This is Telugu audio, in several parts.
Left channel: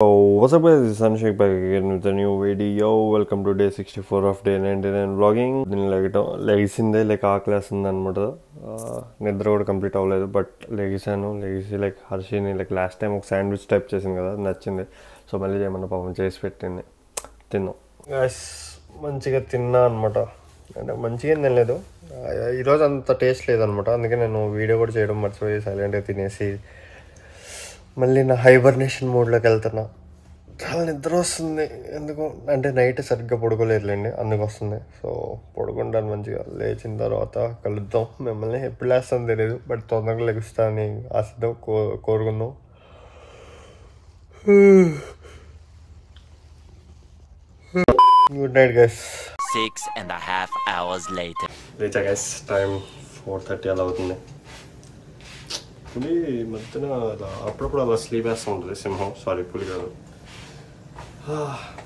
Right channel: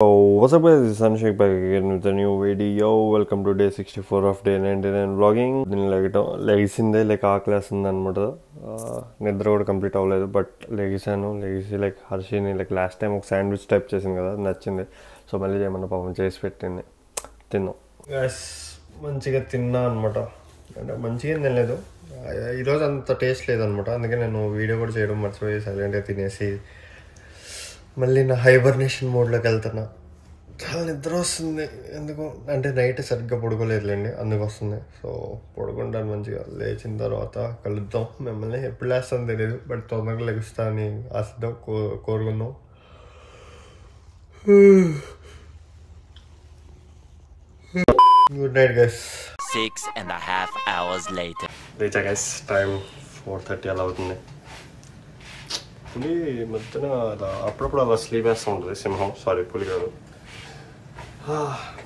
Oh, what's up guys, this is Sanshik back again with a new video. Welcome to day 64 of day 99 vlogging. లెగిసిందే like ఆకలేస్తుంది అనమాట. నిద్ర కూడా కంప్లీట్ అవ్వలేదు, బట్ లెగిసి like Harshini like last time ఒక శాండ్విచ్ టైప్ చేసింది కదా, నచ్చింది. సో మళ్ళీ ఏమన్నా పాపం చేసి పెట్టింది, తిన్నాం గైస్. మంచిగా తిన్నా అనమాట. అంటే మంచిగా ఏం తినలేదు, ఈరోజు అంత టేస్ట్ లేదనమాట. అందుకే నేను వీడియో కూడా చేయడం మర్చిపోయి సైలెంట్గా తినేసి మళ్ళీ నా హైబర్నేషన్ మోడ్లోకి వెళ్తున్నా. చాలా నిద్ర వస్తుంది ఎందుకు అంటే నైట్ సరిగ్గా పడుకోలేదులేండి, అందుకు వస్తుంది. సో పడుకుంటాను మంచిగా. లేచిన తర్వాత కలుద్దాం. మిమ్మల్ని ఎప్పుడు లేస్తాను తెలియదు, బట్ తొందరగా లెగుస్తానని ఆశిద్దాం, కోరుకుందాం. Good night guys. 6.5 hours later. Richa guys, time 4:30 అలా అవుతుంది. పులి మధ్యన అలా అప్పుడప్పుడు అలా స్లీప్ వేస్తూ ఉంటుంది సింహం, సారీ పులి కాదు.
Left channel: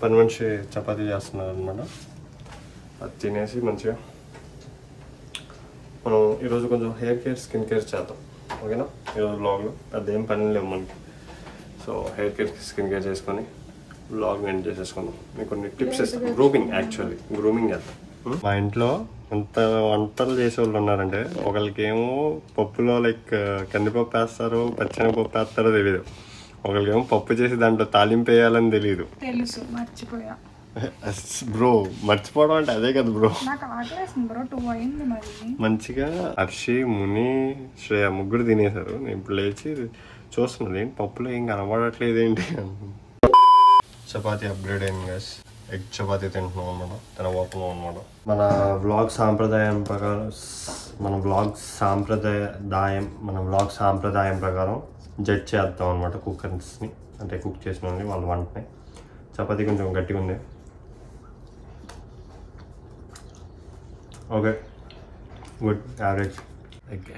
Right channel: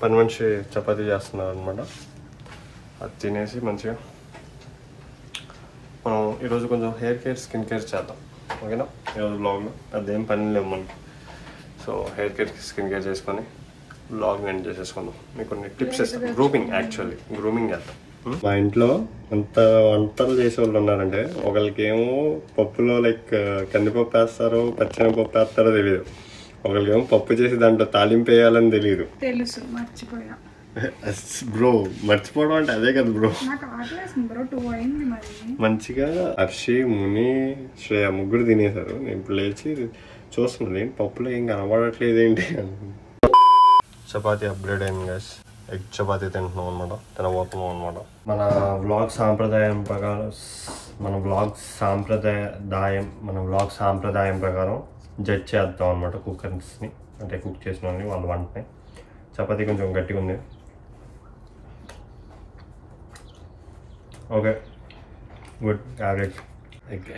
పని మనిషి చపాతీ చేస్తున్నారు అనమాట. అది తినేసి మంచిగా మనం ఈరోజు కొంచెం హెయిర్ కేర్ స్కిన్ కేర్ చేద్దాం, ఓకేనా? ఈరోజు బ్లాగ్లో అదేం పని లేవు మనకి. So hair care skin care చేసుకొని బ్లాగ్ ఎండ్ చేసేసుకుందాం. మీకు కొన్ని టిప్స్ ఇస్తాం. గ్రూమింగ్ చేద్దాం. మా ఇంట్లో ఎంత వంటలు చేసేవాళ్ళు ఉన్నారంటే, ఒకరికేమో పప్పులో లైక్ కందిపప్పు వేస్తారు, పచ్చెనగపప్పు వేస్తారో తెలియదు. ఒకరికేమో పప్పు చేసి దాంట్లో తాలింపు వేయాలని తెలియదు. తెలుసు, మర్చిపోయా బ్రో. మర్చిపోవడం అంటే అదే కదా బ్రో. మంచిగా హర్షి, ముని, శ్రేయ ముగ్గురు తినేశారు. నేను ఇప్పుడు లేచి చూస్తున్నాను, ఏంటి పప్పులో ఏం కనబడట్లేదు ఏంటి. చపాతీ అప్గ్రేడ్ అయింది గైస్. ఎగ్ చపాతీ తింటున్నాం అనమాట, తినబోతున్నాం అనమాట. మన వ్లాగ్ సాంప్రదాయం ప్రకారం జడ్జ్ చేద్దాం అనమాట కుక్కర్స్ని, అంటే కుక్ చేసిన వాళ్ళ వంటని. చపాతీ కొంచెం గట్టిగా ఉంది. Okay, good, average.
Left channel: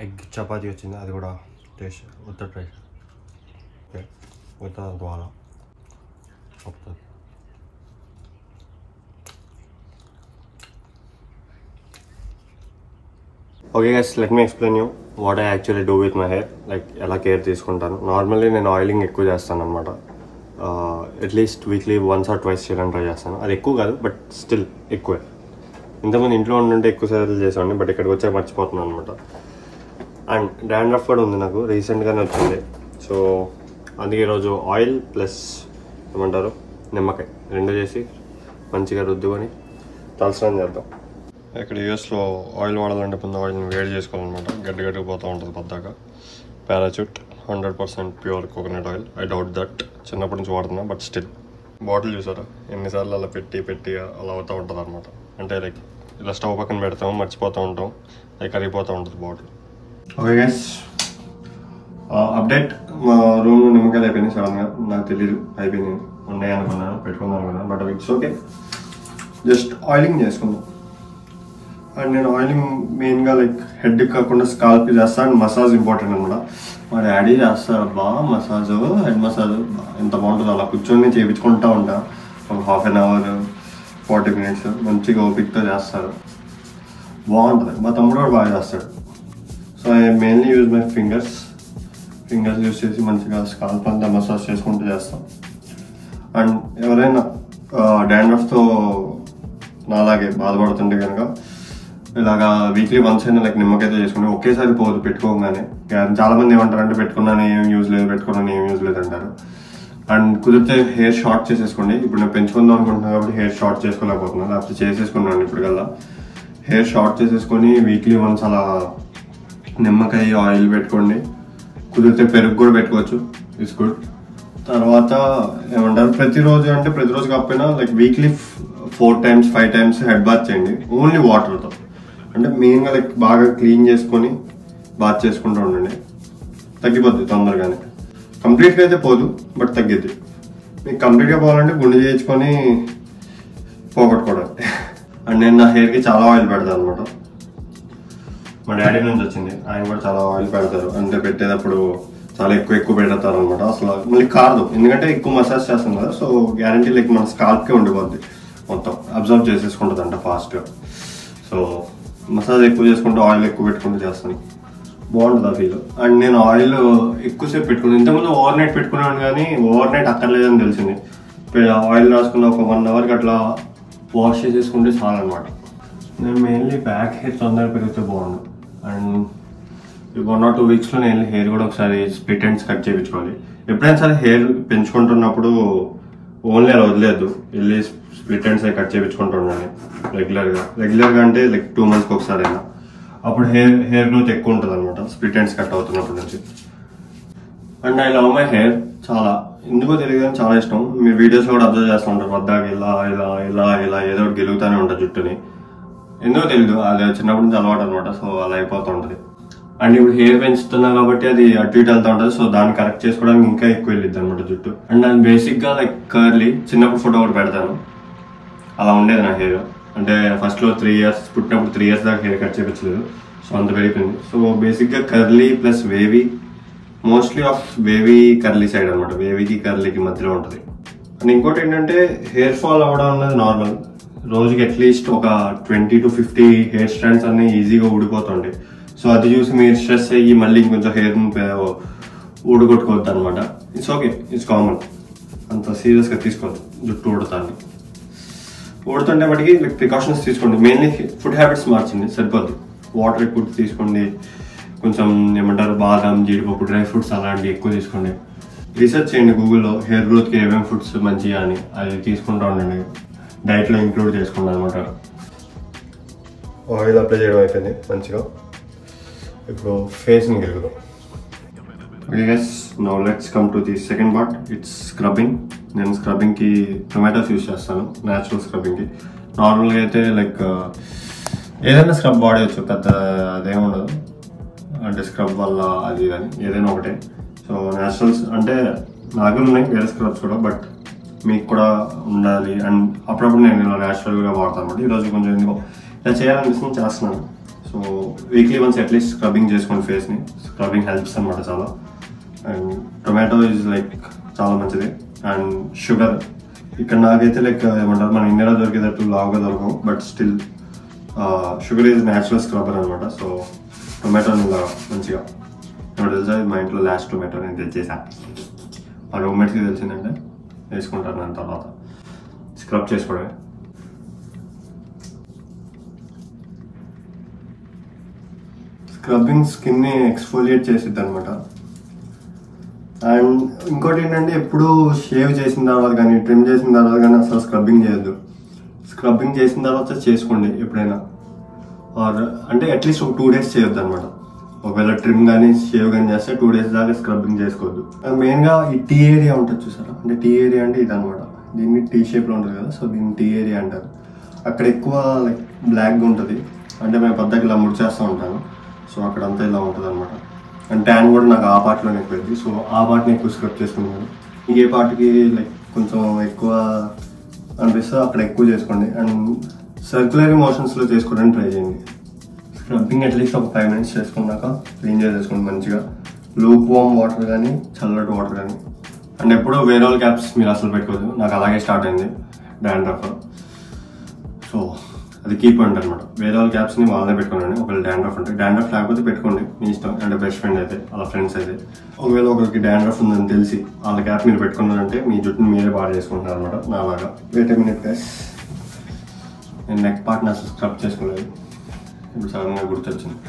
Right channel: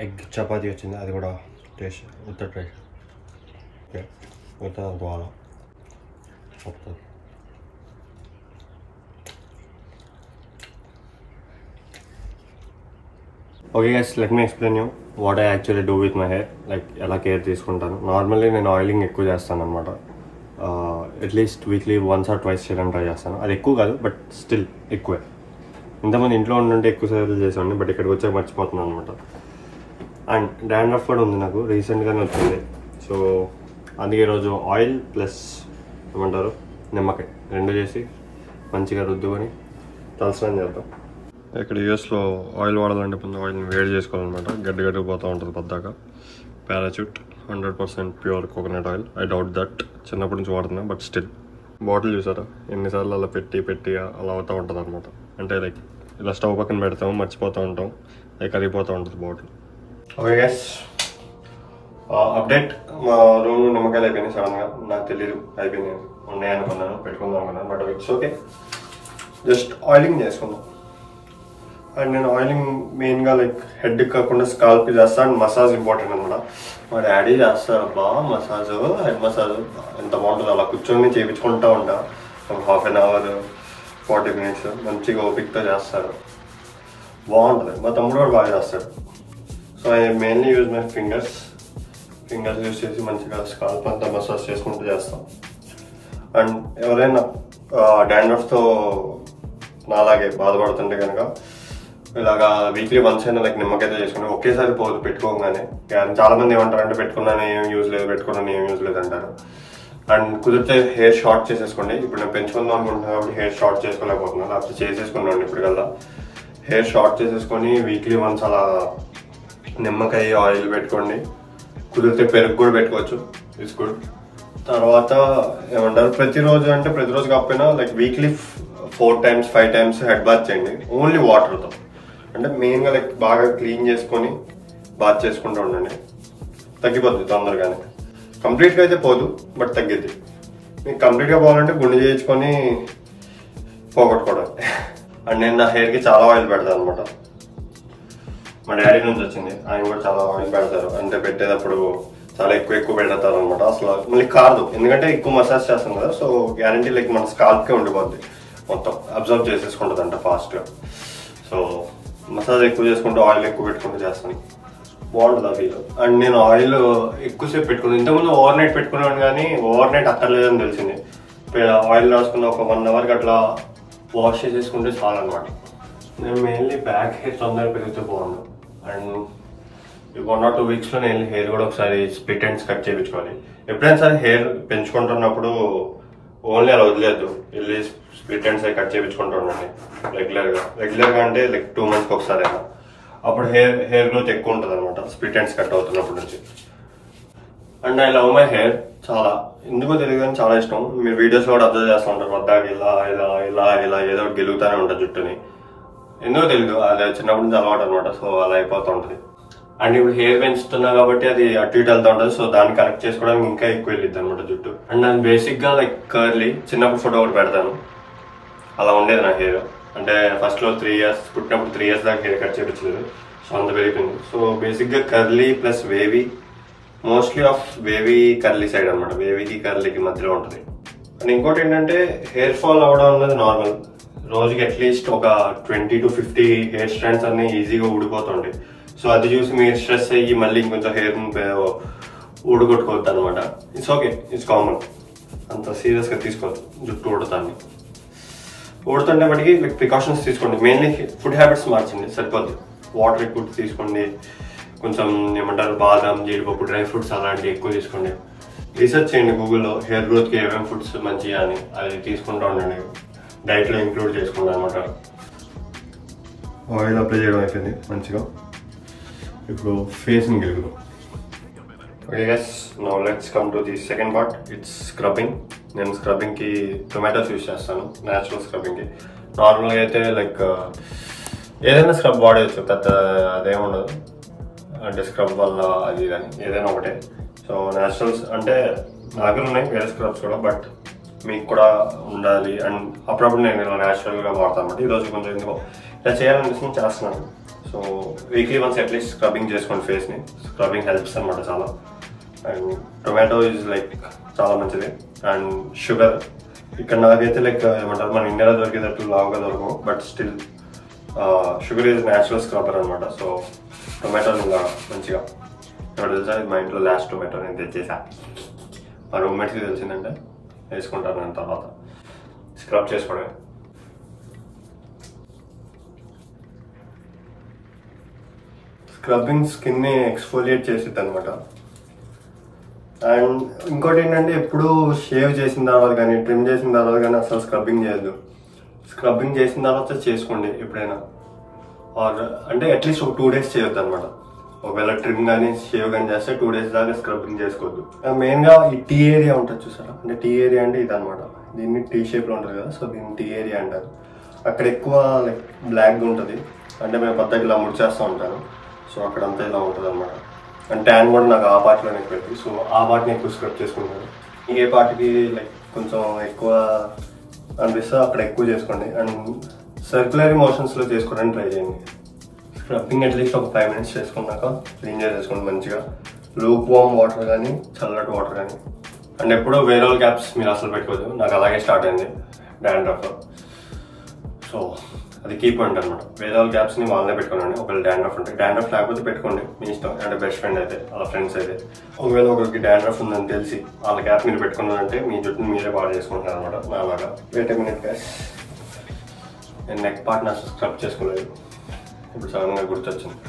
Egg chapati వచ్చింది, అది కూడా టేస్ట్ ఉత్త టేస్ట్. ఓకే, ఉత్త అంత బాగా వస్తుంది. Okay guys, let me explain you what I actually do with my hair. Like ఎలా కేర్ తీసుకుంటాను. నార్మల్లీ నేను ఆయిలింగ్ ఎక్కువ చేస్తాను అనమాట. అట్లీస్ట్ వీక్లీ 1 or 2 చేయడానికి ట్రై చేస్తాను. అది ఎక్కువ కాదు, బట్ స్టిల్ ఎక్కువే. ఇంతకుముందు ఇంట్లో ఉండుంటే ఎక్కువ సార్లు చేసేవాడిని, బట్ ఇక్కడికి వచ్చాక మర్చిపోతున్నాను అనమాట. అండ్ డాండ్రఫ్ కూడా ఉంది నాకు, రీసెంట్గానే వచ్చింది. సో అందుకే ఈరోజు ఆయిల్ ప్లస్ ఏమంటారు నిమ్మకాయ రెండు చేసి మంచిగా రుద్దుకొని తలస్నానం చేద్దాం. ఇక్కడ యూఎస్లో ఆయిల్ వాడాలంటే ముందు ఆయిల్ని వేడి చేసుకోవాలన్నమాట. గడ్డగా పోతూ ఉంటుంది పద్దాక. Parachute 100% pure coconut oil. I doubt that, చిన్నప్పటి నుంచి వాడుతున్నా, బట్ స్టిల్. బాటిల్ చూసారా ఎన్నిసార్లు అలా పెట్టి అలా అవుతూ ఉంటుంది అనమాట. అంటే లైక్ ఇలా స్టవ్ పక్కన పెడతాము, మర్చిపోతూ ఉంటాం, లైక్ కరిగిపోతూ ఉంటుంది బాటిల్. Okay guys, update. మా రూమ్ నిమ్మకాయలు అయిపోయినాయి సడన్గా, నాకు తెలీదు అయిపోయినాయి. ఉన్నాయనుకున్నాను, పెట్టుకుందాం అనుకున్నాను, but it's okay. Just oiling చేసుకుందాం. అండ్ నేను ఆయిలింగ్ మెయిన్గా లైక్ హెడ్ కాకుండా స్కాల్ప్ చేస్తాను. అండ్ మసాజ్ ఇంపార్టెంట్ అనమాట. మా డాడీ చేస్తారు బాగా మసాజ్, హెడ్ మసాజ్ ఎంత బాగుంటుంది. అలా కూర్చొని చేయించుకుంటూ ఉంటా. ఒక 1/2 hour 40 minutes మంచిగా ఓపిక్తో చేస్తారు, బాగుంటుంది. మా తమ్ముడు కూడా బాగా చేస్తాడు. So I mainly use my fingers use చేసి మంచిగా స్కాల్ప్ అంతా మసాజ్ చేసుకుంటూ చేస్తాం. అండ్ ఎవరైనా డాండ్రఫ్తో నాలాగే బాధపడుతుంటే కనుక ఇలాగా వీక్లీ 1 అయినా లైక్ నిమ్మకాయతో చేసుకుంటే ఒకేసారి పోదు పెట్టుకోగానే. చాలా మంది ఏమంటారంటే పెట్టుకున్నాను ఏం యూజ్ లేదు అంటారు. అండ్ కుదిరితే హెయిర్ షార్ట్ చేసేసుకోండి. ఇప్పుడు నేను పెంచుకుందాం అనుకుంటున్నాను కాబట్టి హెయిర్ షార్ట్ చేసుకోలేకపోతున్నాను, లేకపోతే చేసేసుకున్నాను ఇప్పటికల్లా. హెయిర్ షార్ట్ చేసేసుకొని వీక్లీ 1 అలా నిమ్మకాయ ఆయిల్ పెట్టుకోండి. కుదిరితే పెరుగు కూడా పెట్టుకోవచ్చు, ఇట్స్ గుడ్. తర్వాత ఏమంటారు ప్రతిరోజు కాకపోయినా like weekly 4 times 5 times head bath చేయండి, ఓన్లీ వాటర్తో. అంటే మెయిన్గా లైక్ బాగా క్లీన్ చేసుకొని బాత్ చేసుకుంటూ ఉండండి. తగ్గిపోద్ది తొందరగానే. కంప్లీట్గా అయితే పోదు, బట్ తగ్గిద్ది. మీకు కంప్లీట్గా పోవాలంటే గుండె చేయించుకొని పోగొట్టుకోవడం. అండ్ నేను నా హెయిర్కి చాలా ఆయిల్ పెడతాను అనమాట. మా డాడీ నుంచి వచ్చింది, ఆయన కూడా చాలా ఆయిల్ పెడతారు. అంటే పెట్టేటప్పుడు చాలా ఎక్కువ పెడతారు అనమాట. అసలు మళ్ళీ కాదు, ఎందుకంటే ఎక్కువ మసాజ్ చేస్తాం కదా. సో గ్యారంటీ లైక్ మన స్కాల్ప్కే ఉండిపోద్ది, మొత్తం అబ్జర్వ్ చేసేసుకుంటుంది అంట ఫాస్ట్గా. సో మసాజ్ ఎక్కువ చేసుకుంటూ ఆయిల్ ఎక్కువ పెట్టుకుంటూ చేస్తాను. బాగుంటుంది ఆ ఫీల్. అండ్ నేను ఆయిల్ ఎక్కువసేపు పెట్టుకున్నాను. ఇంతకుముందు ఓవర్ నైట్ పెట్టుకున్నాను కానీ ఓవర్ నైట్ అక్కర్లేదని తెలిసింది. ఆయిల్ రాసుకున్న ఒక 1 hour అట్లా వాష్ చేసేసుకుంటే చాలు అనమాట. నేను మెయిన్లీ బ్యాక్ హెయిర్ తొందరగా పెరిగితే బాగుండు. అండ్ 1 or 2 weeksలో నేను హెయిర్ కూడా ఒకసారి స్ప్లిట్ ఎండ్స్ కట్ చేయించుకోవాలి. ఎప్పుడైనా సరే హెయిర్ పెంచుకుంటున్నప్పుడు ఓన్లీ అలా వదిలేదు, వెళ్ళి స్ప్లిట్ ఎండ్స్ అవి కట్ చేయించుకుంటూ ఉండండి రెగ్యులర్గా అంటే లైక్ 2 months ఒకసారి అయినా. అప్పుడు హెయిర్ గ్రోత్ ఎక్కువ ఉంటుంది అనమాట స్ప్లిట్ ఎండ్స్ కట్ అవుతున్నప్పటి నుంచి. And I love my hair చాలా, ఎందుకో తెలియదు కానీ చాలా ఇష్టం. మీరు వీడియోస్ కూడా అబ్జర్వ్ చేస్తూ ఉంటారు, వద్దాక ఇలా ఇలా ఇలా ఇలా ఏదో ఒకటి గెలుగుతూనే ఉంటుంది జుట్టుని. ఎందుకో తెలియదు, అది చిన్నప్పటి నుంచి అలవాటు అనమాట. సో అలా అయిపోతూ ఉంటుంది. అండ్ ఇప్పుడు హెయిర్ పెంచుతున్నా కాబట్టి అది అటు ఇటు వెళ్తూ ఉంటుంది. సో దాన్ని కరెక్ట్ చేసుకోవడానికి ఇంకా ఎక్కువ వెళ్ళిద్ది అనమాట జుట్టు. అండ్ అది బేసిక్గా లైక్ కర్లీ. చిన్నప్పుడు ఫోటో ఒకటి పెడతాను, అలా ఉండేది నా హెయిర్. అంటే ఫస్ట్లో 3 years పుట్టినప్పుడు 3 years దాకా హెయిర్ కట్ చేయించలేదు. సో అంత పెరిగిపోయింది. సో బేసిక్గా curly plus wavy, mostly of wavy curly side అనమాట. వేవీకి కర్లీకి మధ్యలో ఉంటుంది. అండ్ ఇంకోటి ఏంటంటే హెయిర్ ఫాల్ అవడం అనేది నార్మల్. రోజుకి అట్లీస్ట్ ఒక 20 to 50 హెయిర్ స్ట్రాండ్స్ అన్ని ఈజీగా ఊడిపోతుండే. సో అది చూసి మీరు స్ట్రెస్ అయ్యి మళ్ళీ ఇంకొంచెం హెయిర్ ఊడగొట్టుకోవద్దు అనమాట. It's okay, it's common. అంత సీరియస్గా తీసుకోవద్దు జుట్టు ఊడుతుంటే బట్టికి లైక్ ప్రికాషన్స్ తీసుకోండి. మెయిన్లీ ఫుడ్ హ్యాబిట్స్ మార్చండి, సరిపోద్ది. వాటర్ ఎక్కువ తీసుకోండి, కొంచెం ఏమంటారు బాదం, జీడిపప్పు, డ్రై ఫ్రూట్స్ అలాంటివి ఎక్కువ తీసుకోండి. రీసెర్చ్ చేయండి గూగుల్లో హెయిర్ గ్రోత్కి ఏమేమి ఫుడ్స్ మంచిగా అని, అది తీసుకుంటూ ఉండండి. డైట్లో ఇంక్లూడ్ చేసుకోండి అనమాట. ఆయిల్ అప్లై చేయడం అయిపోయింది మంచిగా. ఇప్పుడు ఫేస్ని గెలుగుదాం. Okay guys, now let's come to the second part. It's scrubbing. నేను స్క్రబ్బింగ్కి టొమాటోస్ యూజ్ చేస్తాను, న్యాచురల్ స్క్రబ్బింగ్కి. నార్మల్గా అయితే లైక్ ఏదైనా స్క్రబ్ వాడేయచ్చు, పెద్ద అదేముండదు. అంటే స్క్రబ్ వల్ల అది కానీ ఏదైనా ఒకటే. సో న్యాచురల్స్ అంటే నా దగ్గర ఉన్నాయి వేరే స్క్రబ్స్ కూడా, బట్ మీకు కూడా ఉండాలి. అండ్ అప్పుడప్పుడు నేను ఇలా న్యాచురల్గా వాడతాను అనమాట. ఈరోజు కొంచెం ఎందుకో ఇలా చేయాలనిపిస్తుంది, చేస్తున్నాను. So weekly once at least scrubbing చేసుకోండి ఫేస్ని. స్క్రబ్బింగ్ హెల్ప్స్ అనమాట చాలా. అండ్ టొమాటో ఈజ్ లైక్ చాలా మంచిది. అండ్ షుగర్, ఇక్కడ నాకైతే లైక్ ఏమంటారు మన ఇండియాలో దొరికేటట్టు లావుగా దొరకవు, but still sugar is natural scrubber అనమాట. సో టొమాటోని ఇలా మంచిగా, ఇప్పుడు తెలుసా మా ఇంట్లో లాస్ట్ టొమాటో నేను తెచ్చేసా. మా రూమ్మేట్స్కి తెలిసిందంటే వేసుకుంటాను. దాని తర్వాత స్క్రబ్ చేసుకోవడమే. స్క్రబ్బింగ్ స్కిన్ని ఎక్స్ఫోలియేట్ చేసిద్ది అనమాట. అండ్ ఇంకోటి ఏంటంటే ఎప్పుడు షేవ్ చేసిన తర్వాత కానీ ట్రిమ్ చేసిన తర్వాత కానీ అసలు స్క్రబ్బింగ్ చేయొద్దు. స్క్రబ్బింగ్ చేసిన తర్వాత చేసుకోండి ఎప్పుడైనా, ఆర్ అంటే అట్లీస్ట్ ఒక 2 days చేయొద్దు అనమాట. ఒకవేళ ట్రిమ్ కానీ షేవ్ కానీ చేస్తే 2 days దాకా స్క్రబ్బింగ్ చేసుకోవద్దు. మెయిన్గా ఈ టీ ఏరియా ఉంటుంది చూసారా, అంటే టీ ఏరియా అంటే ఇది అనమాట. దీన్ని టీ షేప్లో ఉంటుంది కదా, సో దీన్ని టీ ఏరియా అంటారు. అక్కడ ఎక్కువ లైక్ బ్లాక్గా ఉంటుంది, అంటే మేము పద్ధతి ఇలా ముడిచేస్తూ ఉంటాను. సో అక్కడంతా ఇలా ఉంటుంది అనమాట. అండ్ ట్యాన్ కూడా నాకు ఆ పార్ట్లోనే ఎక్కువ, సో ఆ పార్ట్ని ఎక్కువ స్క్రబ్ చేసుకుంటాను. ఏ పార్ట్కి లైక్ కొంచెం ఎక్కువ అనిపిస్తే అక్కడ ఎక్కువ చేసుకోండి. అండ్ సర్క్యులర్ మోషన్స్లో చేసుకోవడానికి ట్రై చేయండి. స్క్రబ్బింగ్ అట్లీస్ట్ ఒక 5 minutes చేసుకున్నాక క్లీన్ చేసేసుకోండి మంచిగా. లూక్ వామ్ వాటర్ కానీ చల్లటి వాటర్ కానీ. అండ్ ఎప్పుడో వేరే వాళ్ళ క్యాప్స్ మీరు అసలు పెట్టుకోవద్దు. నాకు అలాగే స్టార్ట్ అయింది డాండ్రఫ్. సో అది కీ పాయింట్ అనమాట. వేరే వాళ్ళ క్యాప్స్ని వాళ్ళనే పెట్టుకోండి. ఒకవేళ డాండ్రఫ్ ఉంటే, డాండ్రఫ్ లేకపోతే పెట్టుకోండి మీ ఇష్టం. అంటే బెస్ట్ ఫ్రెండ్ అయితే, వాళ్ళ ఫ్రెండ్స్ అయితే. ఒకవేళ ఒకరికి డాండ్రఫ్ ఉందని తెలిసి వాళ్ళ క్యాప్ మీరు పెట్టుకున్నారంటే మీ జుట్టుని మీరే పాడు చేసుకుంటున్నారు అనమాట. నాలాగా. వెయిట్ ఎ మినిట్ గైస్, నేను నెక్ పార్ట్ని అసలు స్క్రబ్ చేసుకోలేదు, ఇప్పుడు సడన్గా గుర్తొచ్చింది.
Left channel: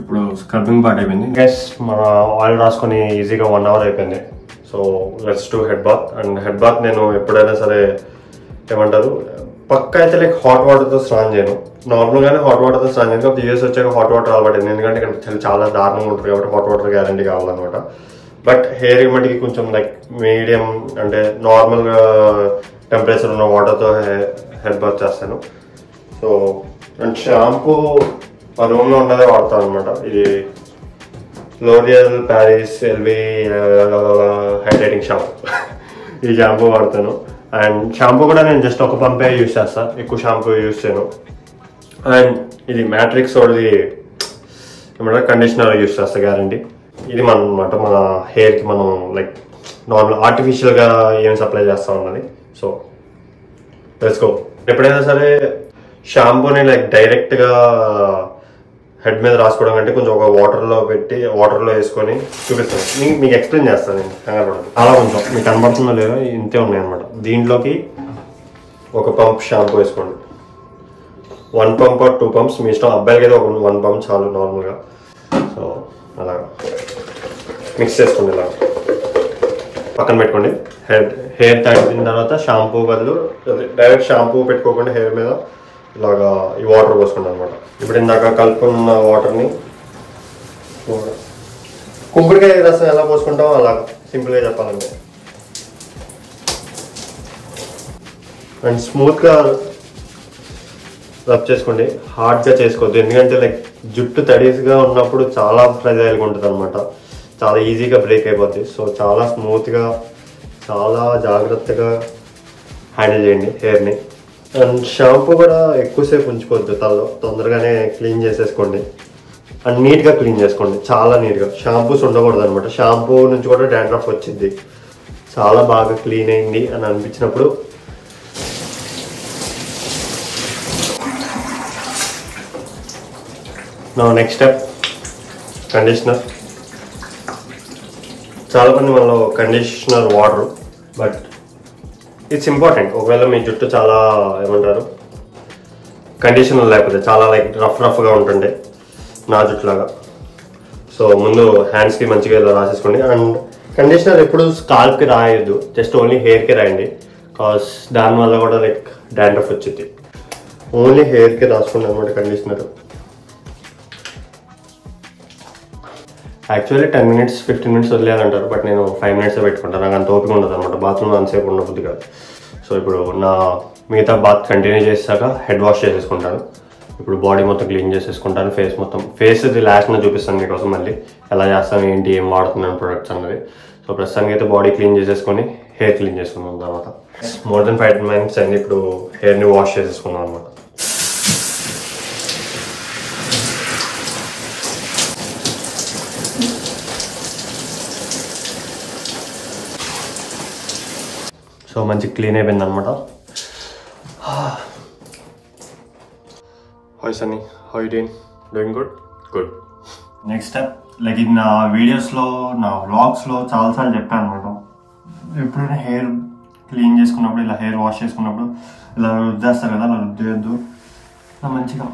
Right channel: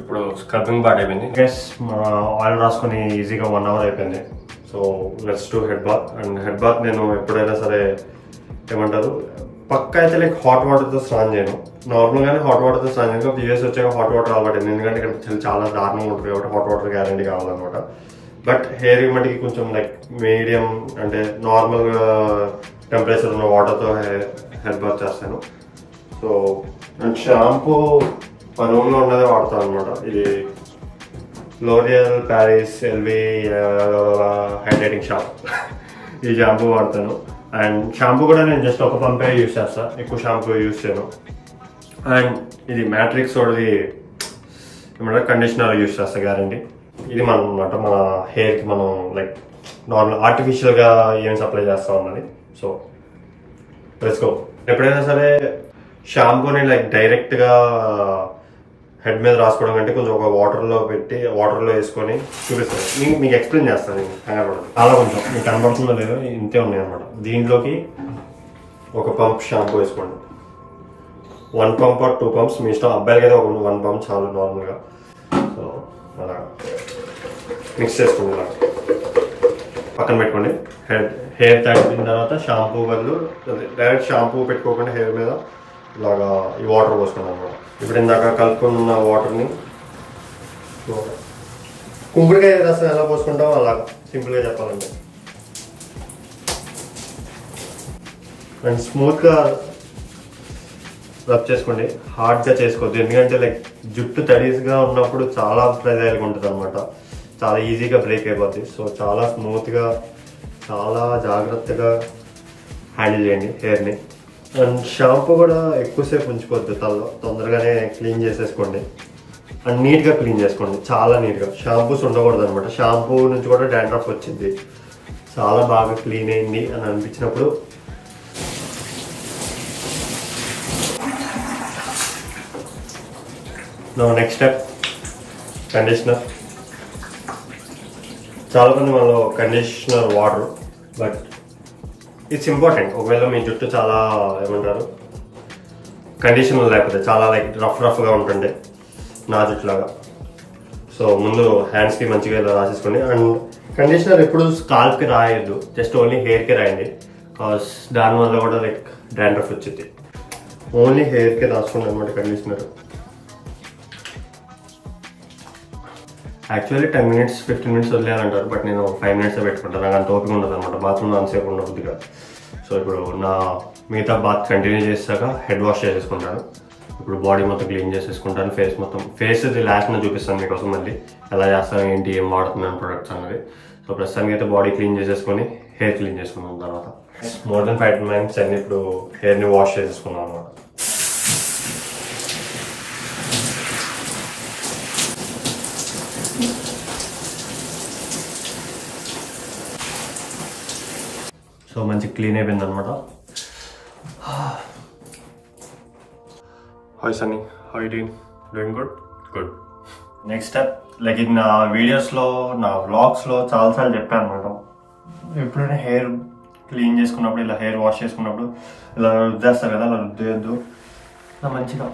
ఇప్పుడు స్క్రబ్బింగ్ పార్ట్ అయిపోయింది గైస్. మన ఆయిల్ రాసుకొని ఈజీగా 1 hour అయిపోయింది. So let's do head bath. And head bath నేను ఎప్పుడైనా సరే ఏమంటారు పక్క అయితే లైక్ హాట్ వాటర్తో స్నానం చేయను. నార్మల్గానే హాట్ వాటర్తో స్నానం చేయను. కాబట్టి యూఎస్ వచ్చాక హాట్ వాటర్ అలవాటు, ఎందుకంటే ఇక్కడ చాలా దారుణంగా ఉంటుంది కాబట్టి హాట్ వాటర్ గ్యారంటీ కావాలన్నమాట. బట్ హెయిర్ మట్టికి కొంచెం లైక్ మీడియం అంటే నార్మల్గా టెంపరేచర్ ఉన్న వాటర్తో హెడ్ బాత్ చేస్తాను. సో అండ్ షాంపూ మా రూమ్లో ఉన్నదే వాడతాను అనమాట. ఇది L'Oreal Paris Elvive hydrating shampoo. ఈ షాంపూ వాడతాను. అండ్ షాంపూ కూడా నేను జస్ట్ ఒక పంపే యూజ్ చేస్తాను, ఎక్కువ షాంపూ యూజ్ చేయను. అండ్ ఇది మ్యాట్రిక్స్ వాడిది ఏమంటారు కండిషనర్ యూజ్ చేస్తా గ్యారంటీ. ఇది మన హెయిర్కి మనం లైక్ నార్మల్ ఆర్టిఫిషియల్గా ఏం సప్లై చేస్తూ ఉన్నది. So let's go. ఎప్పుడైనా సరే షాంపూని లైక్ డైరెక్ట్గా హెడ్ మీద రాసుకోవడం కంటే కొంచెం ఒక వాటర్లో వేసుకొని చూపిస్తాను. మీకు ఎక్స్ప్లెయిన్ చేస్తాను. నేను కనబడదు చాలా కొంచెం మీకు కనబడుతుందో లేదో ఇంతే ఉన్నాయి అనమాట. దీంట్లోకి ఒక పంప్ షాంపూ వేసుకోండి. 1 పంప్ ఆర్ 2 పంప్స్ మీ ఇష్టం. అబ్బాయిలకి అయితే ఒక 1 పంప్ చాలు నార్మల్గా. సో అలా మిక్స్ చేసుకోండి. ఇలా పక్కన పెట్టుకోండి. హెయిర్ తగ్గిన తర్వాత షాంపూ బదులు డైరెక్ట్ షాంపూ పెట్టుకోకుండా హెయిర్ మీద ఇలాగా ఈ వాటర్ పోసుకోండి అనమాట. ఇప్పుడు ఇందాక కలుపుకున్న వాటర్ని కుంకుడుకాయ రసం ఎలా పోసుకుంటామో అలా సింపుల్గా చెప్పాలంటే. అండ్ స్మూత్గా రబ్ చేసుకోండి, హార్డ్గా చేసుకోవద్దు. ఎందుకంటే లైక్ జుట్టు తడిగా ఉన్నప్పుడు చాలా ఫ్రెజైల్గా ఉంటుంది అనమాట, చాలా ఈజీగా బ్రేక్ అయిపోద్ది. సో చాలా స్మూత్గా చాలా జాగ్రత్తగా హ్యాండిల్ చేయండి హెయిర్ని. అండ్ షాంపూ కూడా ఎక్కువసేపు ఉంచుకోవద్దు తలలో, తొందరగానే క్లీన్ చేసేసుకోండి. అండ్ నీట్గా క్లీన్ చేసుకోండి, చాలా నీట్గా. షాంపూస్ ఉండకూడదు అనమాట. షాంపూ నుంచి కూడా డాండ్రఫ్ వచ్చింది. చాలా బాగా క్లీన్ అయింది అని అనిపించినప్పుడు నెక్స్ట్ స్టెప్ కండిషనర్. చాలా మంది మనలో కండిషనర్ వాడరు, బట్ ఇట్స్ ఇంపార్టెంట్. ఒకవేళ మీ జుట్టు చాలా ఏమంటారు కండిషనర్ లేకపోతే చాలా లైక్ రఫ్గా ఉంటుండే నా జుట్టులాగా. సో ముందు హ్యాండ్స్కి మంచిగా ఇలా రాసేసుకోండి. అండ్ కండిషనర్ ఎప్పుడు స్కాల్ప్కి రాయొద్దు, జస్ట్ ఓన్లీ హెయిర్కి రాయండి. కాజ్ దానివల్ల కూడా లైక్ డాండ్రఫ్ వచ్చింది. ఓన్లీ హెయిర్కి రాసుకోండి అనమాట కండిషనర్. యాక్చువల్లీ 10 minutes 15 minutes వదిలేయాలంటారు, బట్ నేను 5 minutes పెట్టుకుంటాను. నాకు అంత ఓపిక ఉండదు అనమాట, బాత్రూమ్లో అంతసేపు ఉండబుద్ది కాదు. సో ఇప్పుడు నా మిగతా బాత్ కంటిన్యూ చేసాక హెడ్ వాష్ చేసేసుకుంటాను. ఇప్పుడు బాడీ మొత్తం క్లీన్ చేసేసుకుంటాను. ఫేస్ లాస్ట్న చూపిస్తాను మీకోసం మళ్ళీ ఎలా చేస్తాను, ఏంటి, ఏం వాడుతున్నాను ప్రొడక్ట్స్ అన్నది. సో ప్రస్తుతానికి అయితే బాడీ క్లీన్ చేసేసుకొని హెయిర్ క్లీన్ చేసుకున్నాం. తర్వాత మోర్ దెన్ 5 minutes అయింది. ఇప్పుడు హెయిర్ని వాష్ చేసేసుకున్నాం అనమాట. సో మంచి క్లీన్ అయిపోయింది అనమాట. Hi Sunny, how you doing? Good. Next step like ఇది నా వీడియోస్లో, నా వ్లాగ్స్లో చాలాసార్లు చెప్పాను అనమాట. ఎప్పుడైనా హెయిర్ క్లీన్ చేసుకున్నప్పుడు, ఇలా హెయిర్ వాష్ చేసుకున్నప్పుడు ఇలా రుద్దేస్తారు కదా, అలా రుద్దేయద్దు. ఇలా మంచిగా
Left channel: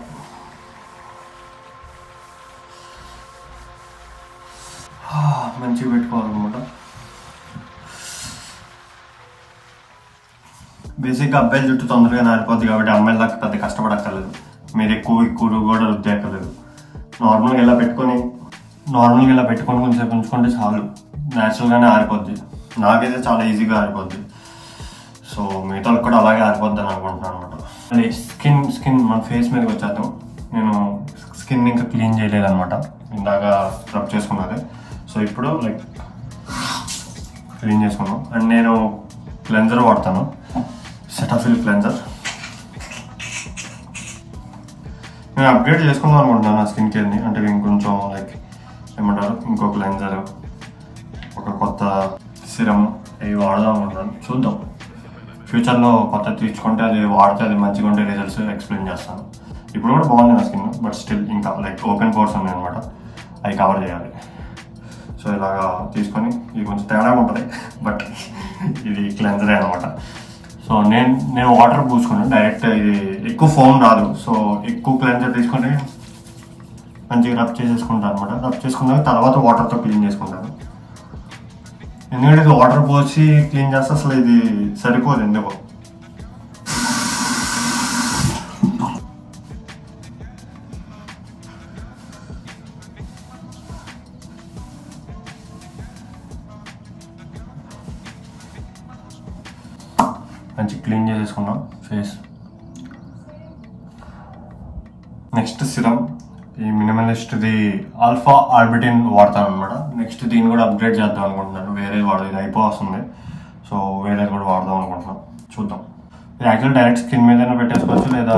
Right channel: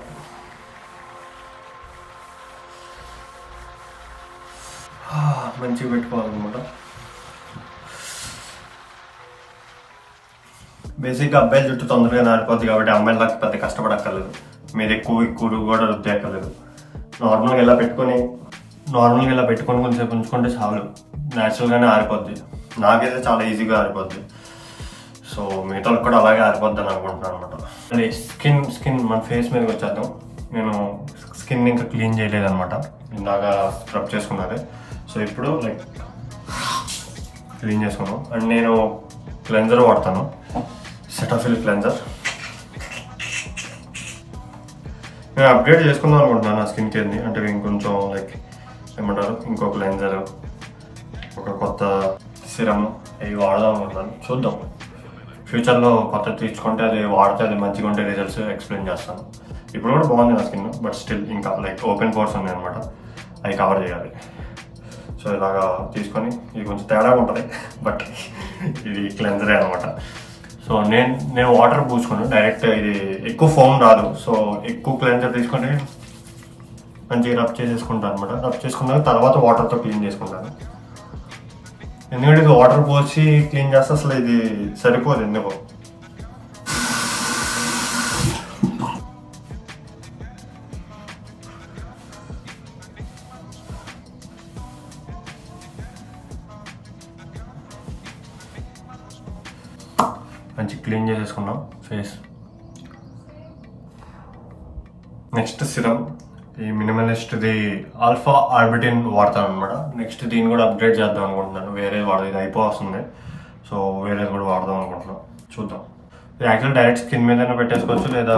పెట్టుకోవాలన్నమాట. బేసిక్గా అబ్బాయిల జుట్టు తొందరగా నారిపోద్ది కాబట్టి అమ్మాయిల దాకా పెద్ద కష్టపడక్కర్లేదు. మీరు ఎక్కువ కూడా రుద్దేయక్కర్లేదు. నార్మల్గా ఇలా పెట్టుకొని కొంచెంసేపు ఉంచుకుంటే చాలు, న్యాచురల్గానే ఆరిపోద్ది. నాకైతే చాలా ఈజీగా ఆరిపోద్ది. సో మిగతాలకు కూడా అలాగే ఆరిపోద్ది అని అనుకుంటున్నాను అనమాట. అది స్కిన్ మన ఫేస్ మీదకి వచ్చేద్దాం. నేను స్కిన్ ఇంకా క్లీన్ చేయలేదన్నమాట, ఇందాక స్క్రబ్ చేసుకున్నది. సో ఇప్పుడు లైక్ క్లీన్ చేసుకున్నాం. అండ్ నేను క్లెన్జర్ వాడతాను, సెటాఫిల్ క్లెన్జర్. నేను అప్గ్రేడ్ చేసుకుందాం అనుకుంటున్నాను నా స్కిన్ కేర్ని. అంటే ఇంకొంచెం లైక్ ఏమంటారు, ఇంకో క్లెన్జర్, ఒక కొత్త సిరమ్ ఇవి వాడదాం అనుకుంటున్నాను. చూద్దాం, ఫ్యూచర్లో కొత్త తీసుకుంటే అది వాడితే అది మంచిగా ఉంటే రిజల్ట్స్ ఎక్స్ప్లెయిన్ చేస్తాను. ఇప్పుడు కూడా బాగుంది నా స్కిన్, బట్ స్టిల్ ఇంకా లైక్ ఓపెన్ పోర్స్ ఉన్నాయి అనమాట, అవి కవర్ చేయాలి. సో ఇలాగా తీసుకొని, ఇది కొంచెం తేడా ఉంటుంది, బట్ ఇది క్లెన్జరే అనమాట. సో నేను వాటర్ పూసుకున్నాను డైరెక్ట్. ఇది ఎక్కువ ఫోమ్ రాదు, సో ఎక్కువ క్లెన్జర్ తీసుకొని మంచిగా రబ్ చేసేసుకుంటాను అనమాట. రబ్ చేసుకున్నాక తర్వాత వాటర్తో క్లీన్ చేసుకుంటాను. ఎందుకంటే ఇది వాటర్ పోసి క్లీన్ చేస్తే అసలు ఇది సరిపోదు ఎందుకో. మంచి క్లీన్ చేసేసుకున్నాం ఫేస్. నెక్స్ట్ సిరమ్, ఈ మినిమలిస్ట్ది ఆల్ఫా ఆర్బిటిన్ వాడతాను అనమాట. నెక్స్ట్ దీన్ని కూడా అప్గ్రేడ్ చేద్దాం అనుకుంటున్నాను. వేరేది వాడదు, ఇది అయిపోతుంది. సో వేరేది కూడా వాడదాం అనుకుంటున్నాను. చూద్దాం. ఇది యాక్చువల్ డైరెక్ట్ స్కిన్ మీదనే పెట్టేసుకోవచ్చు, లేదా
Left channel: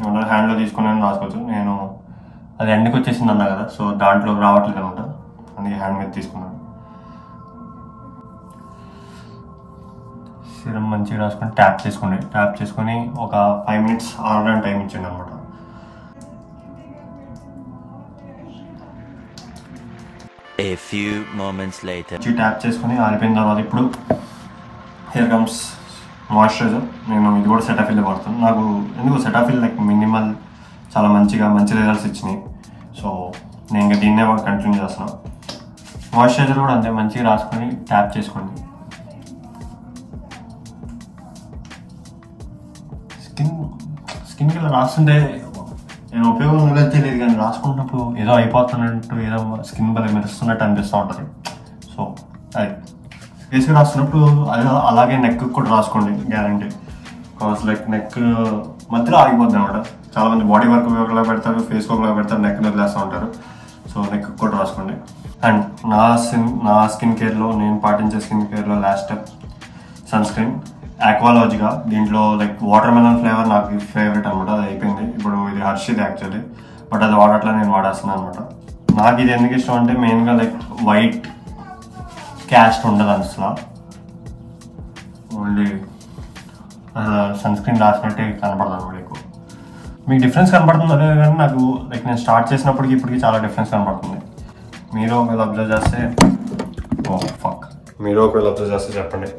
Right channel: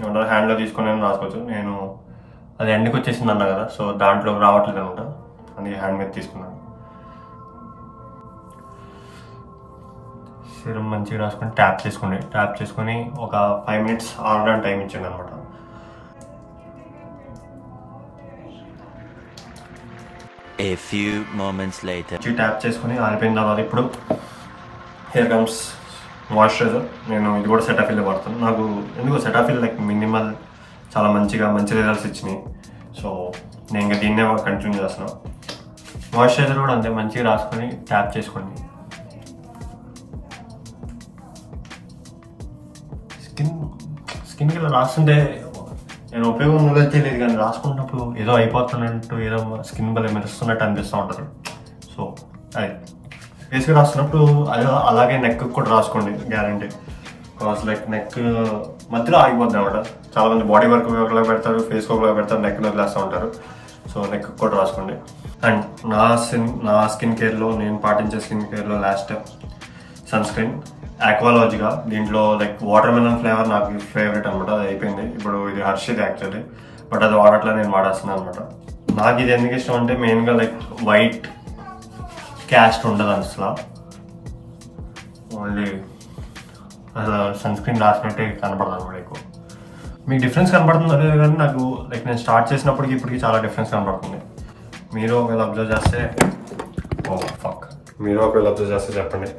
ఏమంటారు హ్యాండ్లో తీసుకొని రాసుకోవచ్చు. నేను అది ఎండ్కి వచ్చేసింది అన్నా కదా, సో దాంట్లో రావట్లేదు అనమాట, అందుకే హ్యాండ్ మీద తీసుకున్నాను. సీరం మంచిగా రాసుకొని ట్యాప్ చేసుకొని ఒక 5 minutes ఆరడానికి టైం ఇచ్చిండు అనమాట. A few moments later. Tap చేసుకొని ఆరిపోయిన తర్వాత ఇప్పుడు హియర్ కమ్స్ మాయిశ్చరైజర్. నేను ఇది కూడా సెటాఫిల్ వాడుతాను. నాకు ఎందుకు సెటాఫిల్ లైక్ మినిమల్ చాలా మంచి రిజల్ట్స్ ఇచ్చినాయి. సో నేను ఇంకా దీన్నే కంటిన్యూ చేస్తున్నాను. మాయిశ్చరైజర్ కూడా అంతే మంచిగా రాసుకొని ట్యాప్ చేసుకోండి. స్కిన్కి ఇలా రాస్తుంటే నేను ఉపయోగం ఉందని తెలియదు, కానీ రాసుకున్నప్పుడు ఏదో అయిపోతున్నట్టు, ఏదో స్కిన్ బలే మెరుస్తున్నట్టు అనిపిస్తూ ఉంటుంది. సో అది ఫేస్కి రాస్తున్నప్పుడు అది అలాగే నెక్ కూడా రాసుకోండి, గ్యారంటీ. కాజ్ లైక్ నెక్ మధ్యలో ఆగిపోద్ది అనమాట. చాలా మంది బాడీ వర్క్ ఒకలా పెడతారు, ఫేస్కి ఒకలా పెడతారు, నెక్ వదిలేస్తూ ఉంటారు. సో నెక్ కూడా రాసుకోండి. అండ్ నా స్కిన్ కేర్లో నేను పాటించే స్కిన్ కేర్లో last step sunscreen Aqualogica. దీంట్లో లైక్ వాటర్ మెలన్ ఫ్లేవర్ నాకు ఫేవరెట్ అనమాట. అది అయిపోయింది. ఇప్పుడు ఇది హర్షిది యాక్చువల్లీ, బట్ అది వాడట్లా నేను వాడేస్తున్నాను అనమాట. నాకు ఇది ఎందుకు ఇష్టం అంటే మెయిన్గా లైక్ వైట్ క్యాస్ట్ ఉండదు అసలు, ఓన్లీ సన్ స్క్రీన్ రాసినట్టే కనపడదు అనమాట ఎక్కువ. మీకు డిఫరెన్స్ కనపడుతుంది అదే, కానీ నాకు లైక్ నేను స్టార్ట్ చేసినప్పటికి ఇప్పటికి చాలా డిఫరెన్స్ కనపడుతుంది. మీరు ఒకవేళ అబ్జర్వ్ చేస్తే చెప్పండి.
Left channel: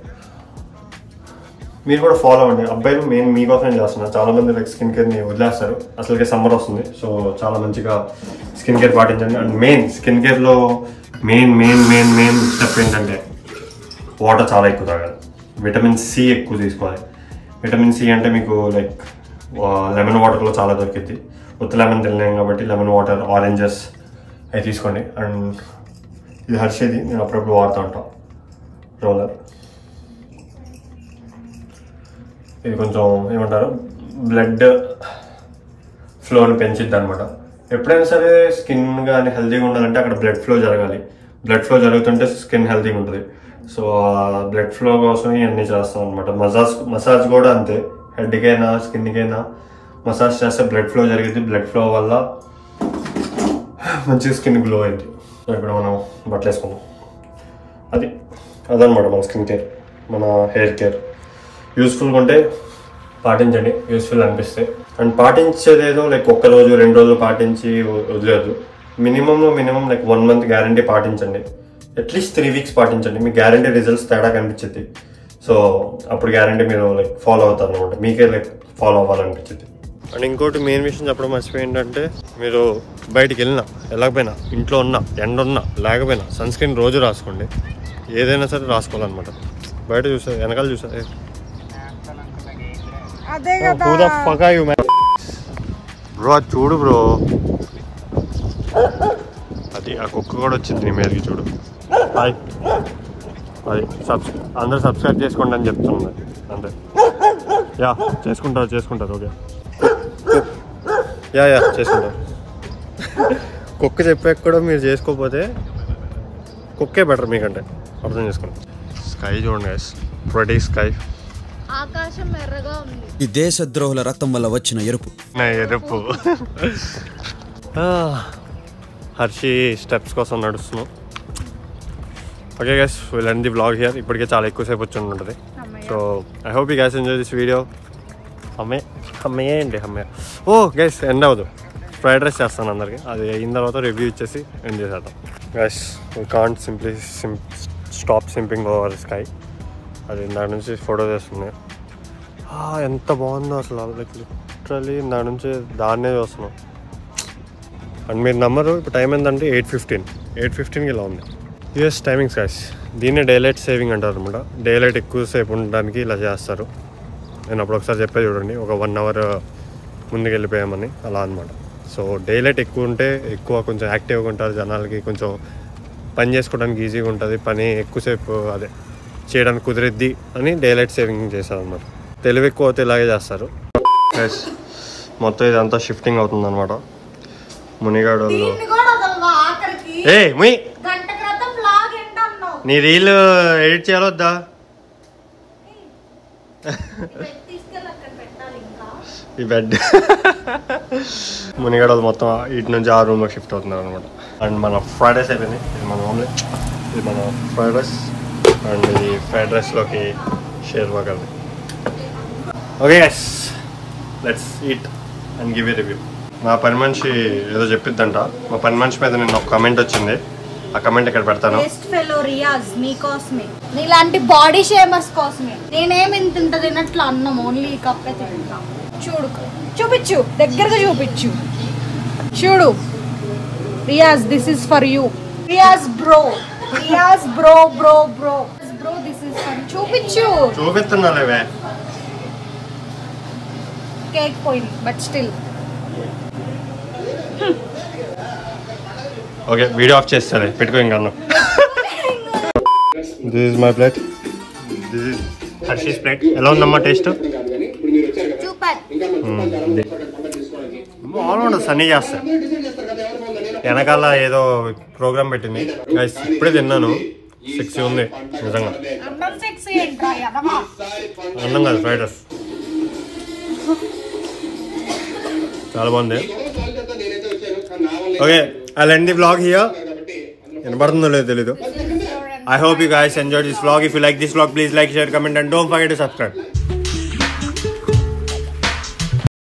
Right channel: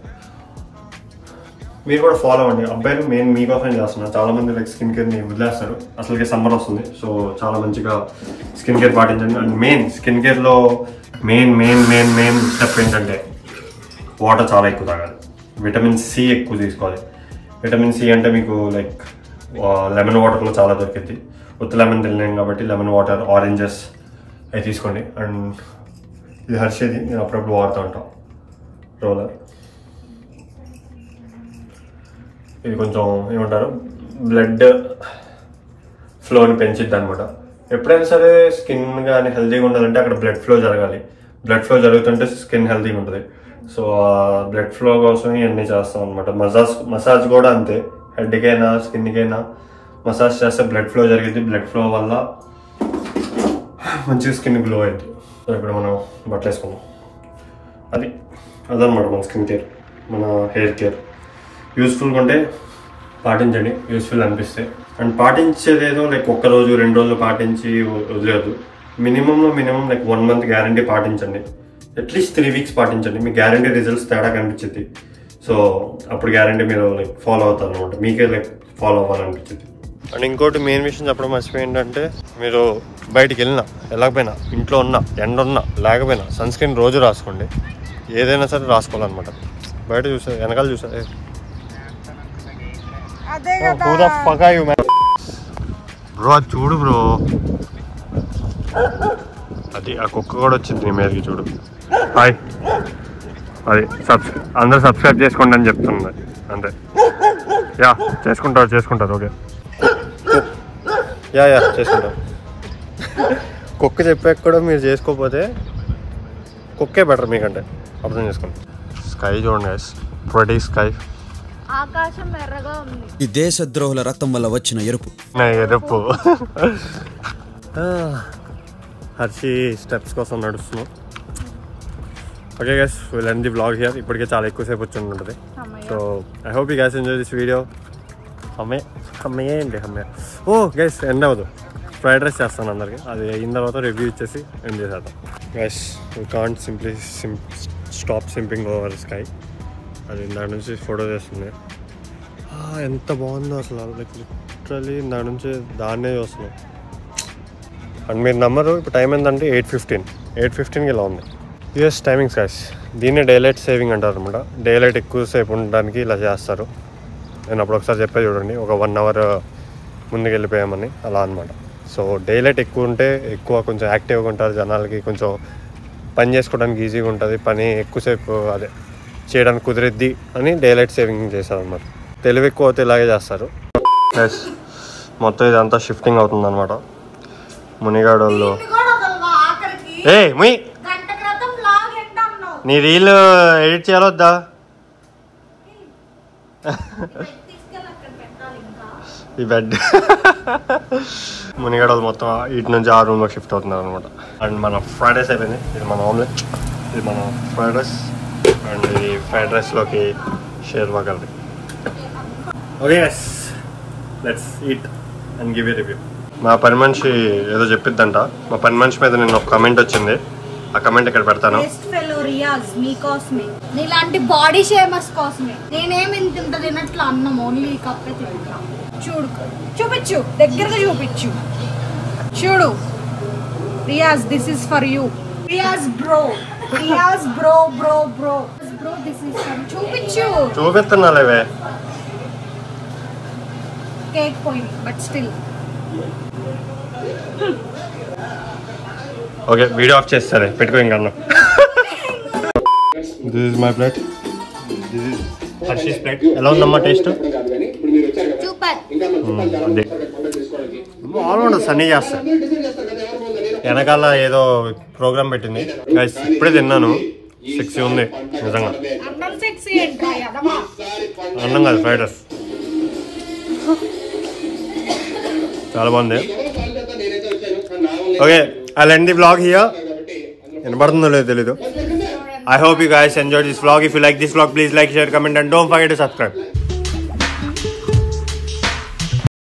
మీరు కూడా ఫాలో అవ్వండి. అబ్బాయిలు మెయిన్ మీకోసమే చేస్తున్నారు. చాలా మంది లైక్ స్కిన్ కేర్ని వదిలేస్తారు. అసలుకే సమ్మర్ వస్తుంది, సో చాలా మంచిగా స్కిన్ కేర్ పాటించండి. అండ్ మెయిన్ స్కిన్ కేర్లో మెయిన్ స్టెప్ ఏంటంటే వాటర్ చాలా ఎక్కువ తాగాలి. విటమిన్ సి ఎక్కువ తీసుకోవాలి. విటమిన్ సి అంటే మీకు లైక్ లెమన్ వాటర్లో చాలా దొరికింది. ఉత్త లెమన్ తినలేం కాబట్టి లెమన్ వాటర్, ఆరెంజెస్ అవి తీసుకోండి. అండ్ ఇది హర్షేది, నేను అప్పుడప్పుడు వాడుతూ ఉంటాం రోలర్. ఇది కొంచెం ఏమంటారు బ్లడ్ ఫ్లోని పెంచిద్ది అనమాట. ఎప్పుడైనా సరే స్కిన్ కానీ హెల్తీగా ఉండాలంటే అక్కడ బ్లడ్ ఫ్లో జరగాలి. బ్లడ్ ఫ్లో జరుగుతుంటే స్కిన్ హెల్తీగా ఉంటుంది. సో బ్లడ్ ఫ్లో కోసం ఇవన్నీ చేస్తాం అనమాట. మసాజ్ కూడా అంతే. హెడ్కైనా స్కిన్కైనా మసాజ్ చేస్తే బ్లడ్ ఫ్లో జరిగింది. బ్లడ్ ఫ్లో వల్ల మంచిగా స్కిన్ గ్లో అయింది. సో ఇప్పుడు మనం బట్టలు వేసుకున్నాం. అదనమాట మన స్కిన్ కేర్, మన హెయిర్ కేర్. యూస్ఫుల్గా ఉంటే పాటించండి, యూస్ఫుల్ అనిపిస్తే. అండ్ పాటించేదేదో లైక్ 1 రోజు 2 రోజులు పాటించి వదిలేదు. మినిమం లైక్ 1 month గ్యారంటీ పాటించండి. అట్లీస్ట్ 3 weeks పాటించండి. మీకు గ్యారంటీ రిజల్ట్స్ తేడా కనిపించింది. సో అప్పుడు గ్యారంటీ మీరు లైక్ ఫాలో అవుతారు అనమాట. మీకే లైక్ ఫాలో అవ్వాలనిపించింది. అండ్ ఇంకోటి మెయిన్ విషయం చెప్పడం మర్చిపోయి ఏంటంటే, మీరు బయటికి వెళ్ళినా వెళ్ళకపోయినా, ఇంట్లో ఉన్నా, ఎండ ఉన్నా లేకపోయినా సన్ స్క్రీన్ రోజు రాసుకోండి. ఏదైనా సరే రాసుకోవాలన్నమాట. బయట చూసా, వెనకాల చూసా, బ్రో అది చూడు బ్రో, అది ఆ కుక్క కూడా వచ్చింది నీ మీదకి చూడు. హాయ్, అది అందరూ సబ్స్క్రైబ్ చేసుకోండి అని చెప్తున్నది అంతే. యా చేసుకుంటారు ఓకే. యా చేసుకుంటారు. కుక్క చెప్పాక కూడా మీరు చేసుకోకపోతే కుక్కే బెటర్ మీకంటే. అర్థం చేసుకోండి. స్కై చూడండి గైస్, ప్రెటీ స్కై. ఈ దేశద్రోహుల రక్తం వల్ల వచ్చిన ఎరుపు. హర్షి స్టెప్స్ కోసం నడుస్తున్నాం. Okay guys, will end the vlog here. ఇప్పటికే చాలా ఎక్కువసేపు వచ్చి ఉంటుంది. So I hope you guys enjoy this video. అమ్మయ్య ఓ గైస్ ఎండ్ అవ్వదు. ఫ్రైడ్ రైస్ చేస్తాను అందరికి. అది అయిన తర్వాత రివ్యూ ఇచ్చేసి ఎండ్ చేసేద్దాం. Guys we can't simply stop simping over sky. అది దాని నుంచి ఫోటో చేస్తుంది. ఎంత బాగుందో అసలు, లైక్ లిటరలీ దాని నుంచి దాన్నే చూస్తున్నాం. అండ్ మీరు నమ్మరు, ఇప్పుడు టైం ఏంటంటే 8:15కి ఇలా ఉంది యూఎస్ టైమింగ్స్ గైస్. దీన్నే డేలైట్ సేవింగ్ అంటారు అనమాట. డేలైట్ ఎక్కువసేపు ఉండడానికి ఇలా చేస్తారు. నేను అప్పుడు ఒకసారి చెప్పే చూడండి, ఒక 1 hour ముందుకు వెళ్ళిపోయామని, అలా అనమాట. సో డేలైట్ ఎక్కువ ఉంటే కొంచెం యాక్టివ్గా ఉంటారు జనాలకి, కొంచెం పని చేసుకోవడానికి ఈజీగా ఉంటుంది, పని ఎక్కువసేపు అదే చేయడానికి కుదిరిద్ది అని డేలైట్ సేవింగ్ చేశారు అనమాట. తెలివి ఎక్కువ అయితే ఇలాగే చేస్తారు. ఎస్, మొత్తం ఇదంతా షిఫ్టింగ్ అవుతుంది అనమాట. మునిగాడు వాళ్ళు నీ రీల్ ఎడిట్ చేయాలొద్దా? ఈ బెడ్ మునిగాడు వాళ్ళు మొత్తం ఇటు నుంచి ఆ రూమ్లో షిఫ్ట్ అవుతున్నారు అనమాట. అండ్ మన ఫ్రైడ్ రైస్ అయిపోయింది. ఇది మన ఆమ్లెట్, ఇది మన ఫ్రైడ్ రైస్. అండ్ ఈ ఫ్రైడ్ రైస్లోకి sherwa curry. Okay guys, let's eat and give you review. మా పని మనిషి ఏదో చెప్పిద్దంట. మా పని మనిషి మీద నిన్న ఒక కమెంట్ వచ్చింది. ఆ కమెంట్ ఇక్కడ పెడతాను. రియాజ్ మీకోసమే, నీలాంటి బాడీ షేమర్స్ కోసమే. నేనేమి ఇంత తిన్నట్లు అన్నం ఓన్లీ కప్పే తింటా. చూడు, చూపించు, దగ్గరగా చూపించు. చూడు Riyaz, this is for you. Riyaz bro, Riyaz bro bro bro bro, this is for you. చూపించు. చూపిస్తున్నాలేవే. కేక్ పోయింది but still. Okay, video off చేస్తారే, పెట్టుకో ఇంకా అన్నం. This is my plate. This is Harshi's plate. ఎలా ఉందమ్మా టేస్ట్? సూపర్. బాగుండదు, సన్నీ చేస్తా. వెనకాల ఏదో ప్రోగ్రామ్ పెట్టింది గైస్, ఇప్పుడే తిన్నాను. 6 ఉంది నిజంగా. అన్నం కాదు, ఫ్రైడ్ రైస్. చాలా బాగుంది. Okay, I'll end the vlog here. వినపడుతుందో లేదో తెలీదు. I hope you guys enjoyed this vlog. If you like this vlog, please like, share, comment and don't forget to subscribe.